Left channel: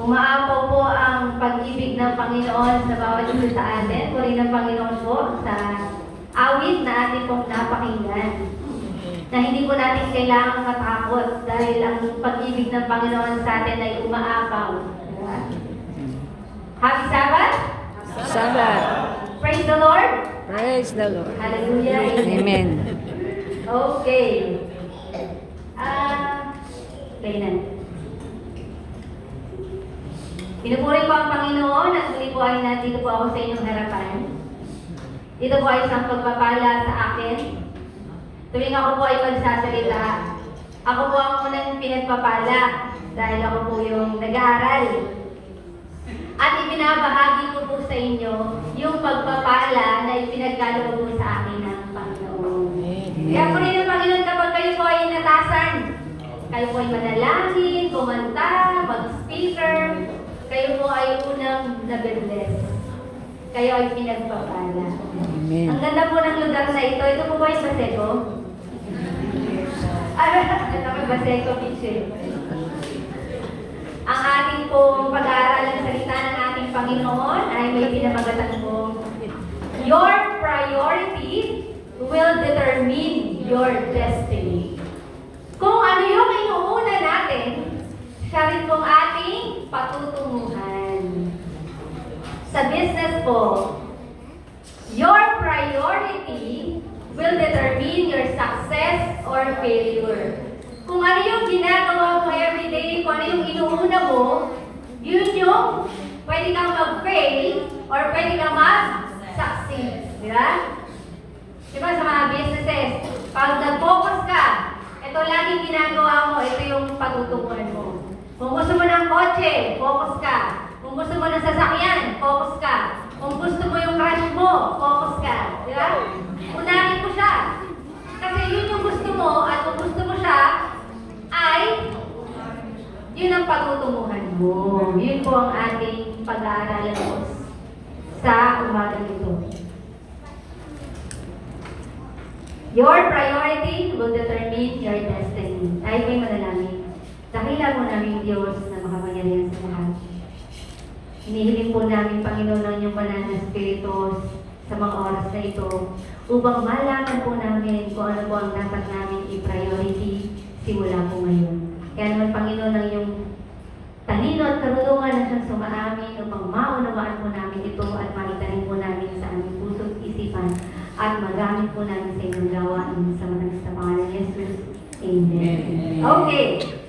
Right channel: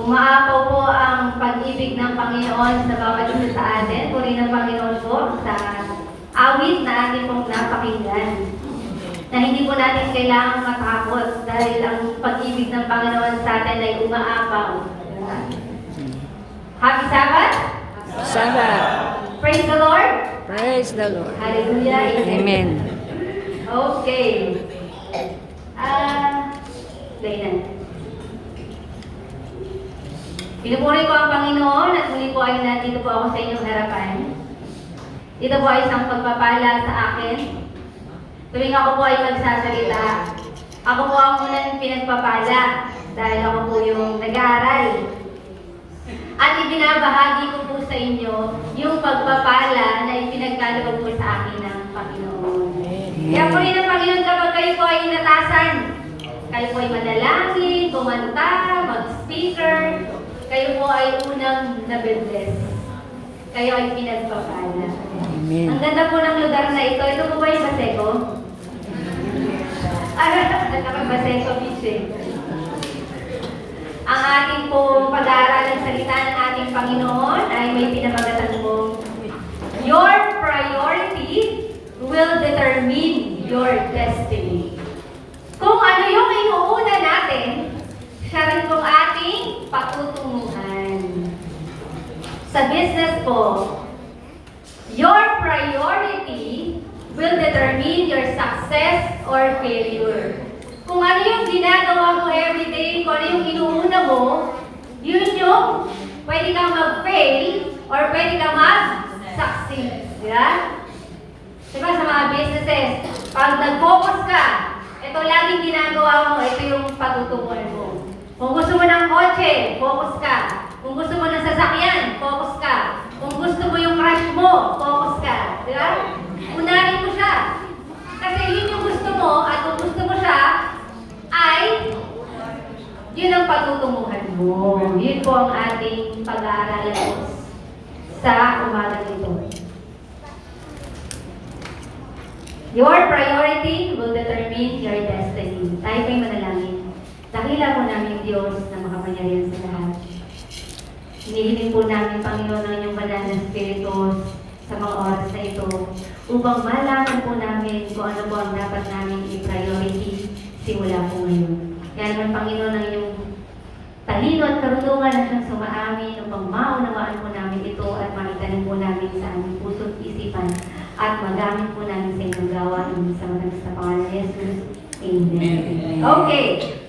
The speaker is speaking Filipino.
Umaapaw po ang pag-ibig ng Panginoon sa bawat isa sa atin. Purihin ng Panginoon po sa awit na ating pong napakinggan. Na hindi po natin kailangang matakot dahil ang pag-ibig ng Panginoon sa atin ay umaapaw. Happy Sabbath! Sabbath. Praise the Lord! Praise the Lord. Hallelujah! Amen. Okay. Play na. Pinupuri ko ang Panginoon at muli po ay nandito po ako sa inyong harapan. Dito po ay isang pagpapala sa akin. Tuwing ako po ay magsasalita, ako po ang unang pinagpapala dahil ako po yung nag-aaral. At ibinabahagi ko po sa inyo yung pagpapala na ipinagkaloob po sa akin ng Panginoon. Kaya po rin ang Panginoon kapag kayo po ay inatasan, kayo po ay manalangin, kumanta, mag-speaker, kayo po ay unang nabibless. Kayo ay pinagpapala. Amen. Ang ganda po ng lugar na ito. Ito po ba yung Baseco? Baseco Beach eh. Ang ating pong pag-aaral ng salita ng ating Panginoon ay may pinamagatan pong your priority will determine your destiny. Kung ano yung inuuna natin, siya rin pong ating patutunguhan. Sa business po, your priority will determine your success or failure. Kung ano yung ginagawa mo everyday, kung ano yung inuuna mo, yun yung pwede kang mag-fail or pwede kang mag-succeed. Diba? Diba sa mga businesses, pag nag-focus ka, ito laging ginagawa mo, ito yung patutunguhan mo. Kung gusto mo ng kotse, focus ka. Kung gusto mo ng sasakyan, focus ka. Kung gusto mo yung crush mo, focus ka. Diba? Unahin mo siya. Kasi yun yung gusto mo, at kung gusto mo siya, ay yun ang patutunguhan mo. Yun po ang ating pag-aaralan sa umaga nito. Your priority will determine your destiny. Tayo kayo manalangin. Dakila po namin Diyos na makapangyarihan sa lahat. Hinihiling po namin, Panginoon, ang inyong banal na Espiritu sa mga oras na ito upang malaman po namin kung ano po ang dapat namin i-priority simula po ngayon. Kaya naman, Panginoon, ang iyong talino at karunungan na siyang sumaamin upang maunawaan po namin ito at maitanim po namin sa aming puso at isipan at magamit po namin sa inyong gawain sa mga sa pangalan ni Jesus. Amen. Okay.